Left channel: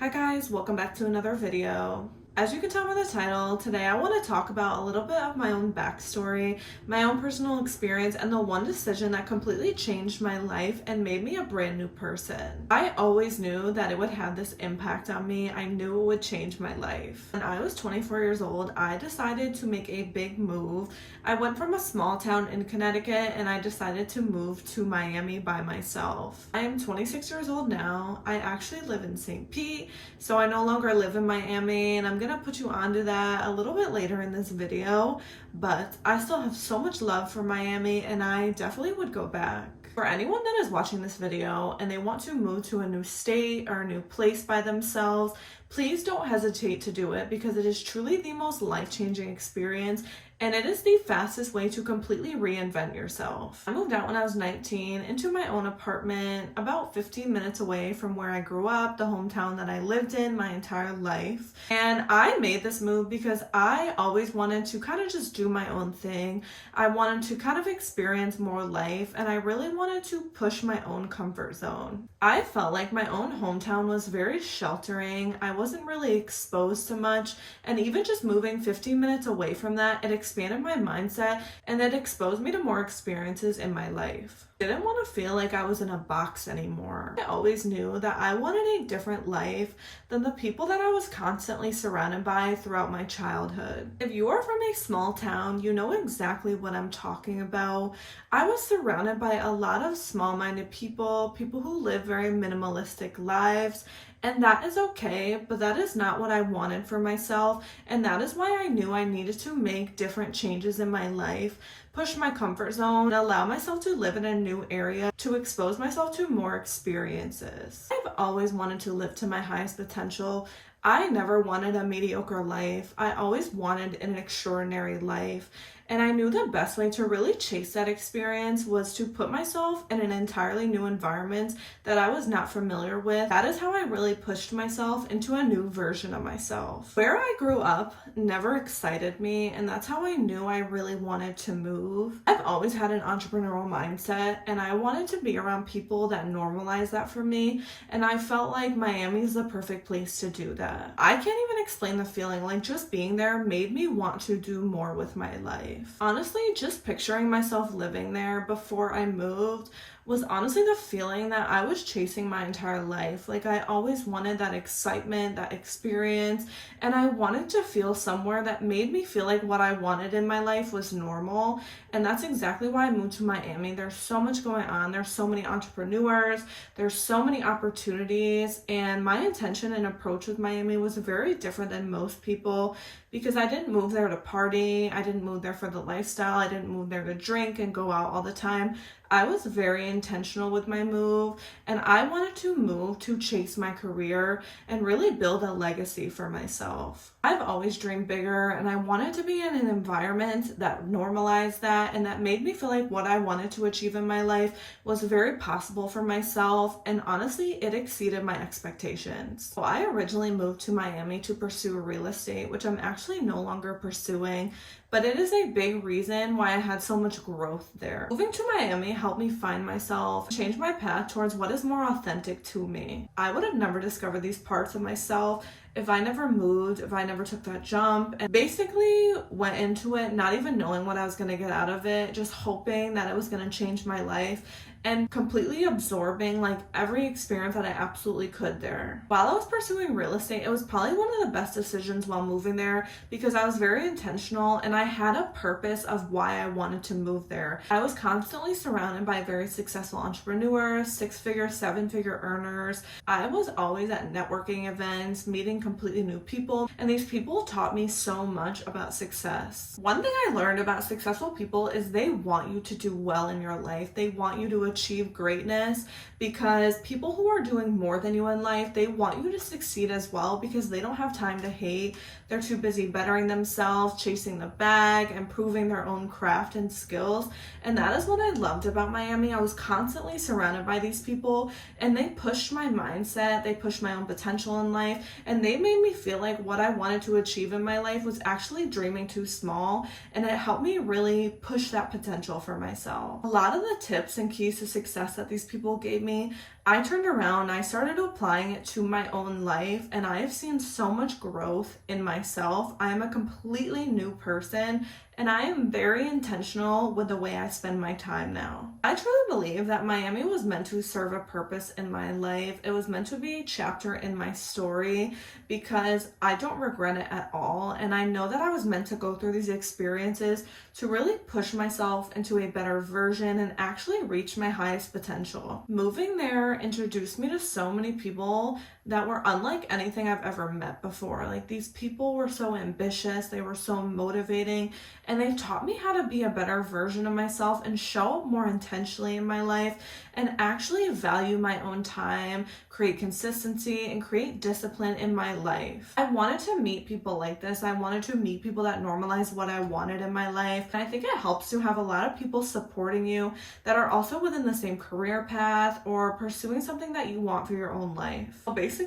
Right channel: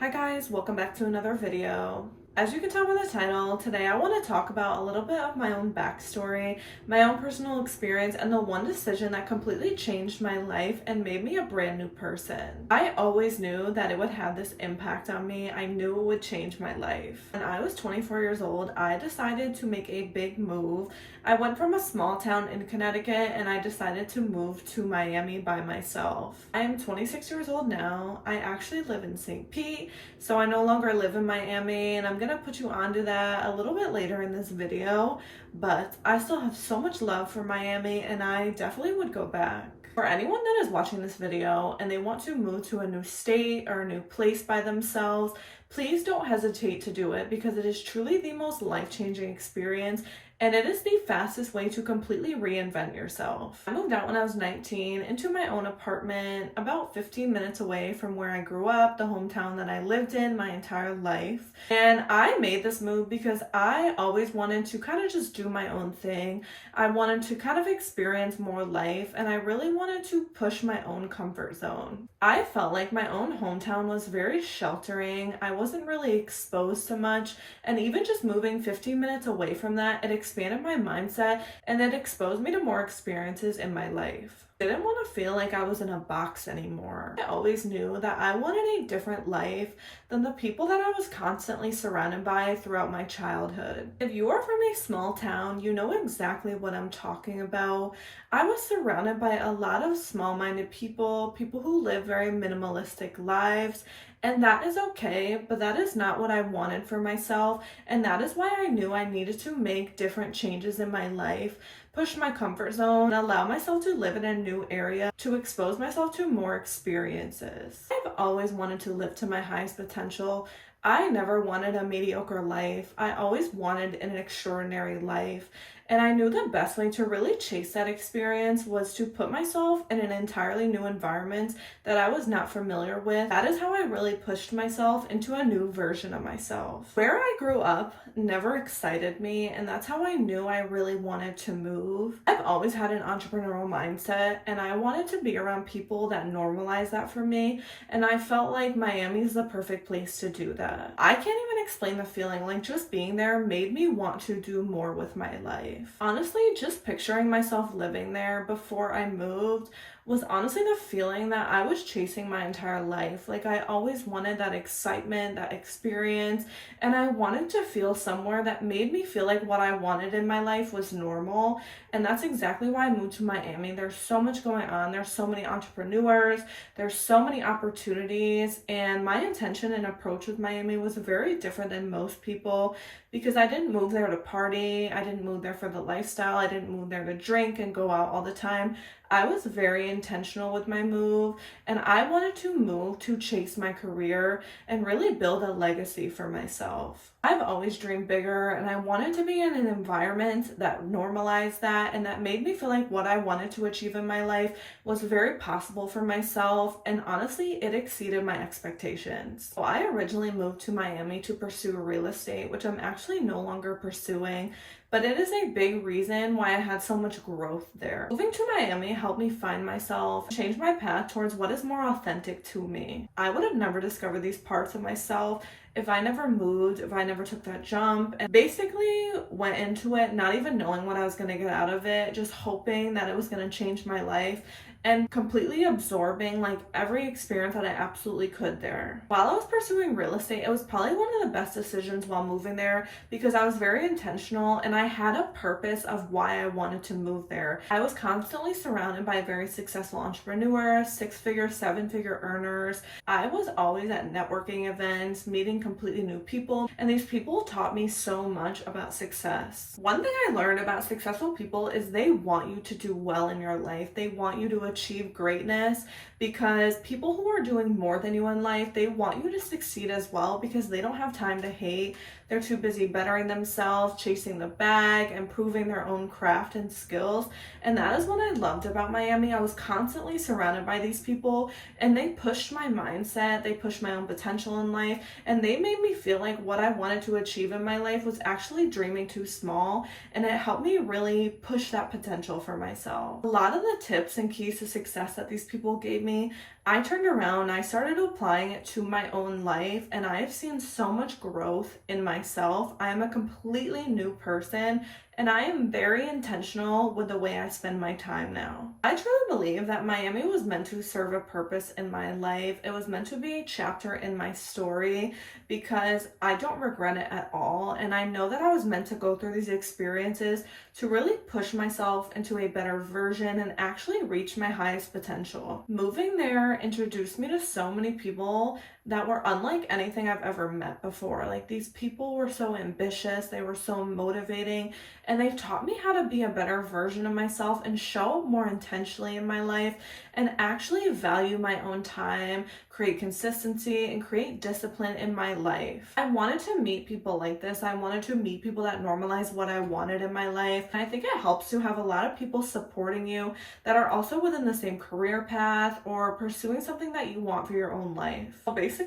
Hi guys, welcome back to another video. As you can tell by the title, today I want to talk about a little bit of my own backstory, my own personal experience, and the one decision that completely changed my life and made me a brand new person. I always knew that it would have this impact on me. I knew it would change my life. When I was 24 years old, I decided to make a big move. I went from a small town in Connecticut and I decided to move to Miami by myself. I am 26 years old now. I actually live in St. Pete, so I no longer live in Miami, and I'm gonna put you onto that a little bit later in this video, but I still have so much love for Miami and I definitely would go back. For anyone that is watching this video and they want to move to a new state or a new place by themselves, please don't hesitate to do it because it is truly the most life-changing experience and it is the fastest way to completely reinvent yourself. I moved out when I was 19 into my own apartment about 15 minutes away from where I grew up, the hometown that I lived in my entire life. And I made this move because I always wanted to kind of just do my own thing. I wanted to kind of experience more life and I really wanted to push my own comfort zone. I felt like my own hometown was very sheltering. I wasn't really exposed to much, and even just moving 15 minutes away from that, it expanded my mindset and it exposed me to more experiences in my life. I didn't want to feel like I was in a box anymore. I always knew that I wanted a different life than the people that I was constantly surrounded by throughout my childhood. If you are from a small town, you know exactly what I'm talking about. I was surrounded by a lot of small-minded people who live very minimalistic lives, and that is okay, but that is not what I wanted for myself, and that is why I knew I needed to make different changes in my life, push my comfort zone, and allow myself to live in a new area to expose myself to more experiences. I've always wanted to live to my highest potential. I never wanted a mediocre life. I always wanted an extraordinary life. And I knew the best way to really chase that experience was to put myself in an entirely new environment that I was not familiar with. That is how I really pushed myself into a new version of myself. Where I grew up never excited me, and that's how I knew I really wanted to move. I've always had an entrepreneurial mindset, and I wanted to be around people that normalize that for me, and I felt like Miami is the perfect place to do that. I can't even explain the feeling, like just being there made me want to do more with my life. Honestly, just picturing myself living there before I moved was honestly the feeling that I was chasing my entire life. Like I always wanted that excitement, that experience, and I wanted to feel somewhere that made me feel like what I wanted in my life was normal. And that's exactly why I moved to Miami. There's so much going on. There's so many entrepreneurs. There's so many opportunities. And my intention and approach with Miami was very different than most people because I didn't move there to party. I didn't move there for the lifestyle. I didn't move there to drink and go out all the time. I was very intentional with my move, and I wanted to move to chase my career and really build a legacy for myself. I've always dreamed bigger, and I wanted to be in an environment that normalized that and that made me feel like what I wanted to achieve in my life was very possible for myself, and honestly, it exceeded my expectations. So I originally moved to Miami to pursue real estate, which I'm actually no longer pursuing, but it is a big reason why I had so much growth there. Moving to Miami helped me find myself, change my path towards what is more authentic to me. I would have never discovered these parts of myself if I never moved, if I never took that jump, and basically went into it not even knowing what I was going to get out of it, just hoping that it was going to change my life and completely absorbing like every experience that I absolutely could there. While I was pursuing real estate, it was probably one of the best decisions while moving there because I was very intentional and I had a purpose of why I wanted to move there. I was constantly surrounded by very successful entrepreneurs, 6-figure, 7-figure earners. I was always at networking events, meeting completely new people, and these people taught me so much about success. One thing I learned about successful people is they want you to do well in your life. They want you to achieve greatness because people who are doing more than you in life, they want you to succeed as well because they don't have time to hate. They're too busy bettering themselves, chasing the bag, and proving their own craft and skills. And that is what I loved about Miami. I was constantly surrounded by these people and they pushed my mindset, they pushed my own potential in life, and they made me feel like what I wanted to achieve in my life was actually dreaming too small, and it helped me really push that potential for myself. A lot of the tips and keys to success that these people gave me, I turned around, I started applying it to my own life, and I have seen so much growth in myself. I am a completely new person, and I am very intentional with the way I spend my time now. I truly believe that Miami was meant to serve a purpose in my life. It was meant to be a chapter in my story because I don't regret it at all. And I know that I was meant to go through these experiences to really push myself into a better version and actually reach my highest potential. Moving there introduced me to so many people that were unlike anything I've ever met before. Like, these people were so ambitious, they were so motivating, and they taught me how to be a better version of myself and show up more intentionally in my life and actually value my own time, create consistency, and create discipline in my life. I wanted to meet people like this. I wanted to meet people that normalize what I wanted in my life. And I think it helps to have a lot of people supporting you that are also within the same career path or pursuing something that you want for your own life. Well, basically,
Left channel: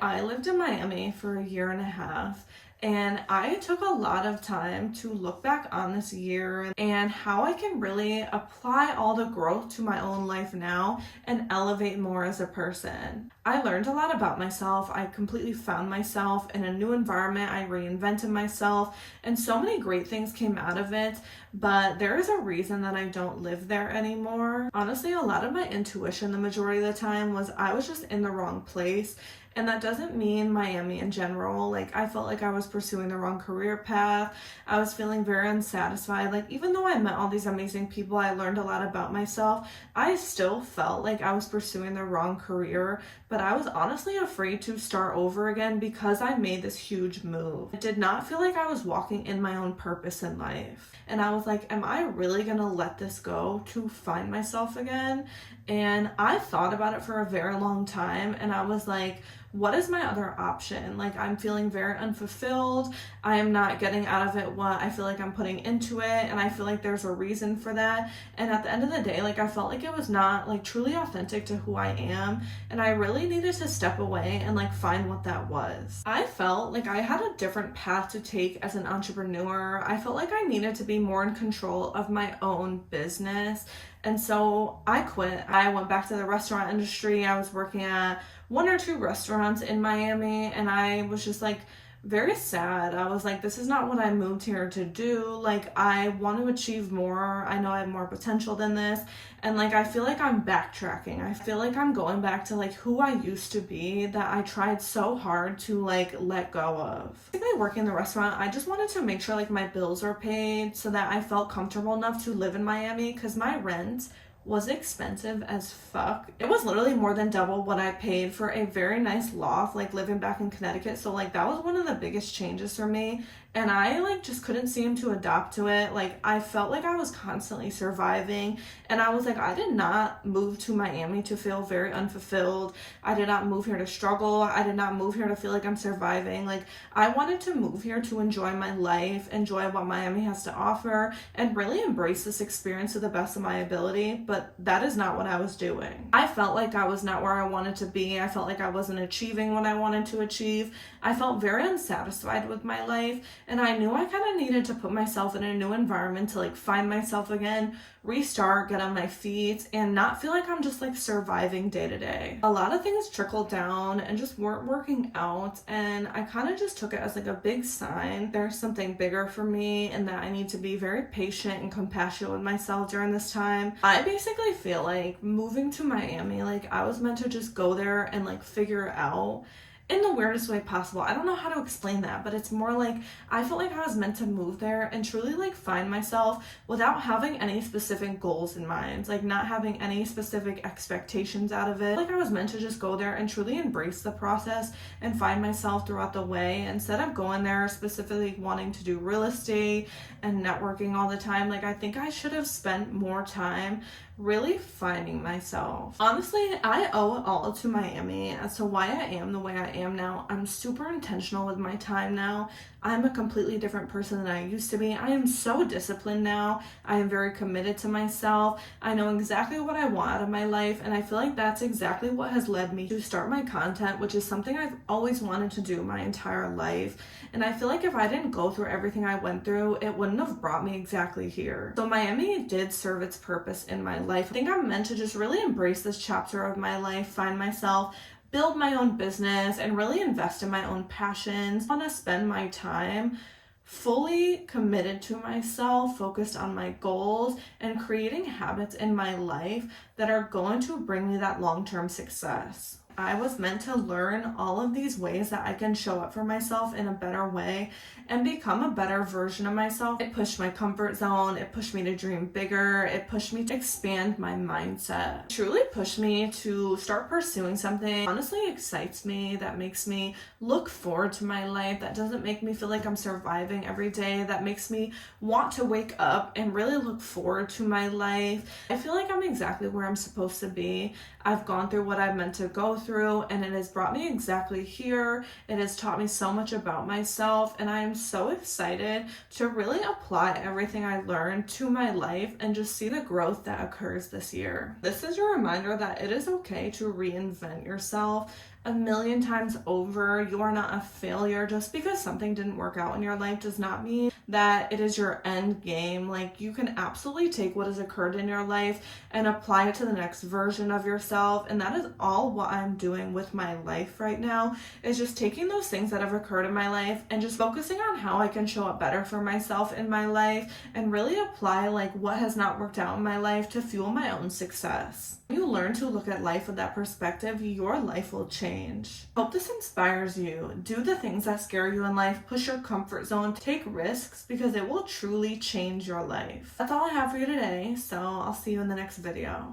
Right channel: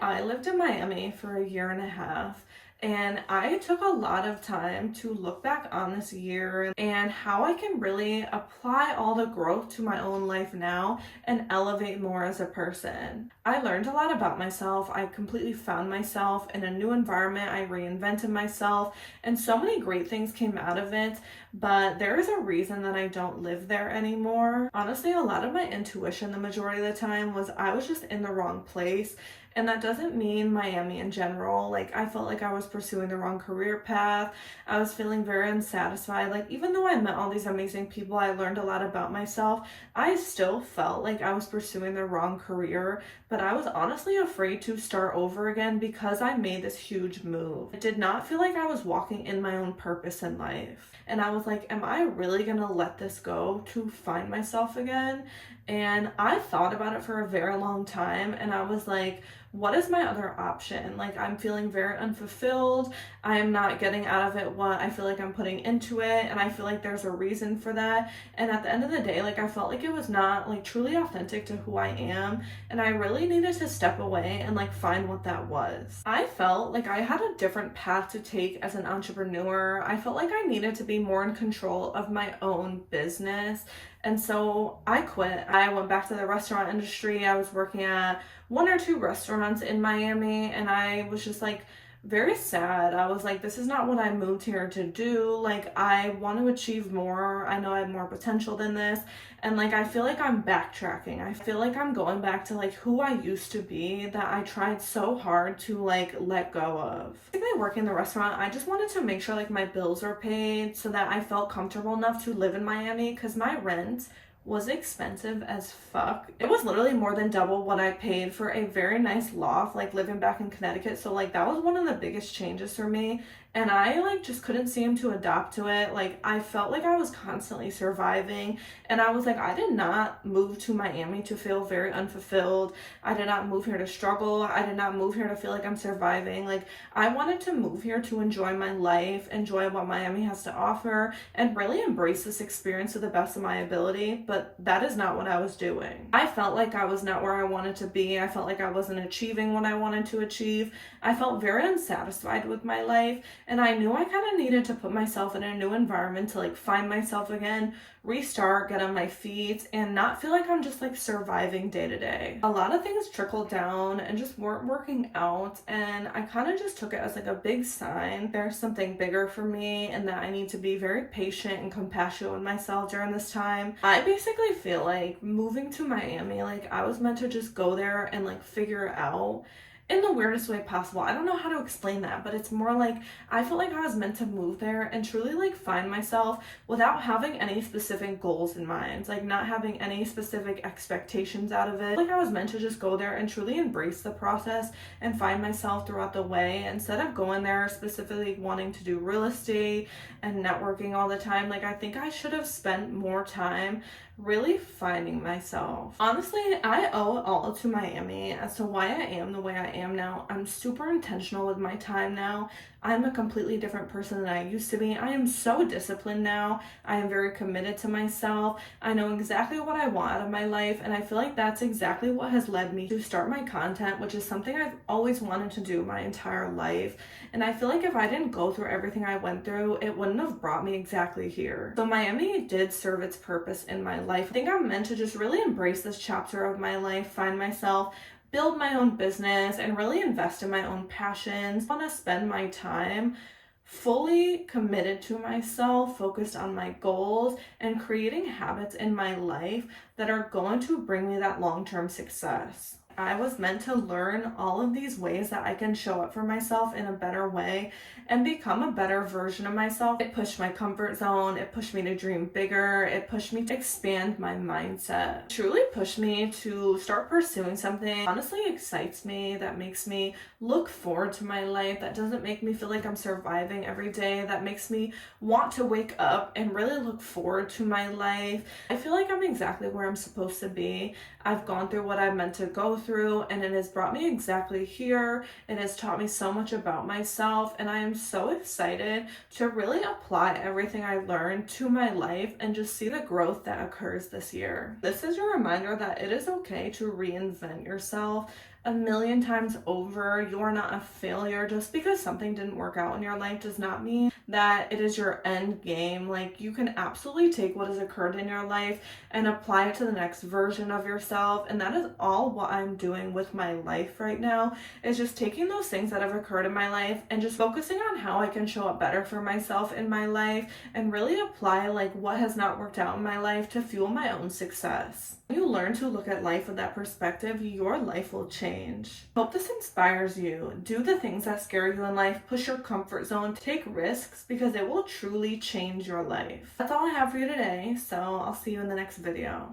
I lived in Miami for a year and a half. And I took a lot of time to look back on this year and how I can really apply all the growth to my own life now and elevate more as a person. I learned a lot about myself. I completely found myself in a new environment. I reinvented myself, and so many great things came out of it. But there is a reason that I don't live there anymore. Honestly, a lot of my intuition the majority of the time was I was just in the wrong place. And that doesn't mean Miami in general. Like, I felt like I was pursuing the wrong career path. I was feeling very unsatisfied. Like, even though I met all these amazing people, I learned a lot about myself, I still felt like I was pursuing the wrong career. But I was honestly afraid to start over again because I made this huge move. I did not feel like I was walking in my own purpose in life. And I was like, am I really gonna let this go to find myself again? And I thought about it for a very long time, and I was like, what is my other option? Like, I'm feeling very unfulfilled. I am not getting out of it what I feel like I'm putting into it, and I feel like there's a reason for that. And at the end of the day, like, I felt like it was not like truly authentic to who I am, and I really needed to step away and like find what that was. I felt like I had a different path to take as an entrepreneur. I felt like I needed to be more in control of my own business. And so I quit. I went back to the restaurant industry. I was working at 1 or 2 restaurants in Miami, and I was just like very sad. I was like, this is not what I moved here to do. Like, I want to achieve more. I know I have more potential than this. And like, I feel like I'm backtracking. I feel like I'm going back to like who I used to be that I tried so hard to like let go of. Basically, working in the restaurant, I just wanted to make sure like my bills are paid so that I felt comfortable enough to live in Miami, because my rent was expensive as fuck. It was literally more than double what I paid for a very nice loft, like living back in Connecticut. So like, that was one of the biggest changes for me. And I like just couldn't seem to adapt to it. Like, I felt like I was constantly surviving, and I was like, I did not move to Miami to feel very unfulfilled. I did not move here to struggle. I did not move here to feel like I'm surviving. Like, I wanted to move here to enjoy my life, enjoy what Miami has to offer, and really embrace this experience to the best of my ability. But that is not what I was doing. I felt like I was not where I wanted to be. I felt like I wasn't achieving what I wanted to achieve. I felt very unsatisfied with my life. And I knew I kind of needed to put myself in a new environment to like find myself again, restart, get on my feet, and not feel like I'm just like surviving day to day. A lot of things trickled down and just weren't working out, and I kind of just took it as like a big sign there's something bigger for me and that I need to be very patient and compassionate with myself during this time. I basically feel like moving to Miami, like I was meant to just go there and like figure it out in the weirdest way possible. I don't know how to explain that, but it's more like I felt like I was meant to move there and truly like find myself without having any specific goals in mind, like not having any specific expectations out of it. Like, I was meant to just go there and truly embrace the process and find myself throughout the way, instead of going there specifically wanting to do real estate and networking all the time. Like, I think I should have spent more time really finding myself. Honestly, I owe it all to Miami as to why I am the way I am now. I'm super intentional with my time now. I'm a completely different person than I used to be. I am so disciplined now. I am very committed to myself. I know exactly what I want out of my life, and I feel like that's exactly what has led me to start my content, which is something I've always wanted to do my entire life. And I feel like if I didn't go through everything I went through, it wouldn't have brought me exactly here. So Miami did serve its purpose in my life. I think I'm meant to just really embrace this chapter of my life, find myself, build my own business, and really invest in my own passions. I want to spend my time fully committed to myself, focused on my goals, and creating habits in my life that are going to bring me that long-term success. I was meant to learn all of these ways that I can show up for myself in a better way and become a better version of myself. It pushed my comfort zone. It pushed me to dream bigger. It pushed me to expand my mindset. It truly pushed me to start pursuing something that honestly excites me, that makes me look forward to my life, that doesn't make me feel like I'm surviving every day, that makes me want to wake up and really look forward to my life. I feel like I'm exactly where I'm supposed to be. I've gone through what I've meant to go through, and it has brought me exactly here. It has taught me so much about myself, and I am so excited to really apply everything I learned to my life and just see the growth that occurs this year. This is your reminder that it is okay to reinvent yourself a million times over. You're not a failure. Just because something didn't work out in your life does not mean that it is your end game. Like, you can absolutely take what has occurred in your life and apply it to the next version of yourself. And that is all what I'm doing with my life right now, is just taking those things that have occurred in my life and just focusing on how I can show up better for myself in my life and really apply like what has not worked out in my life to fuel my own success. When you learn to look at life with that perspective, your life will change. Hope this inspires you. Do the things that scare you in life, push your comfort zone, take risks, because it will truly change your life. That's all I have for you today, so I'll see you in the next video.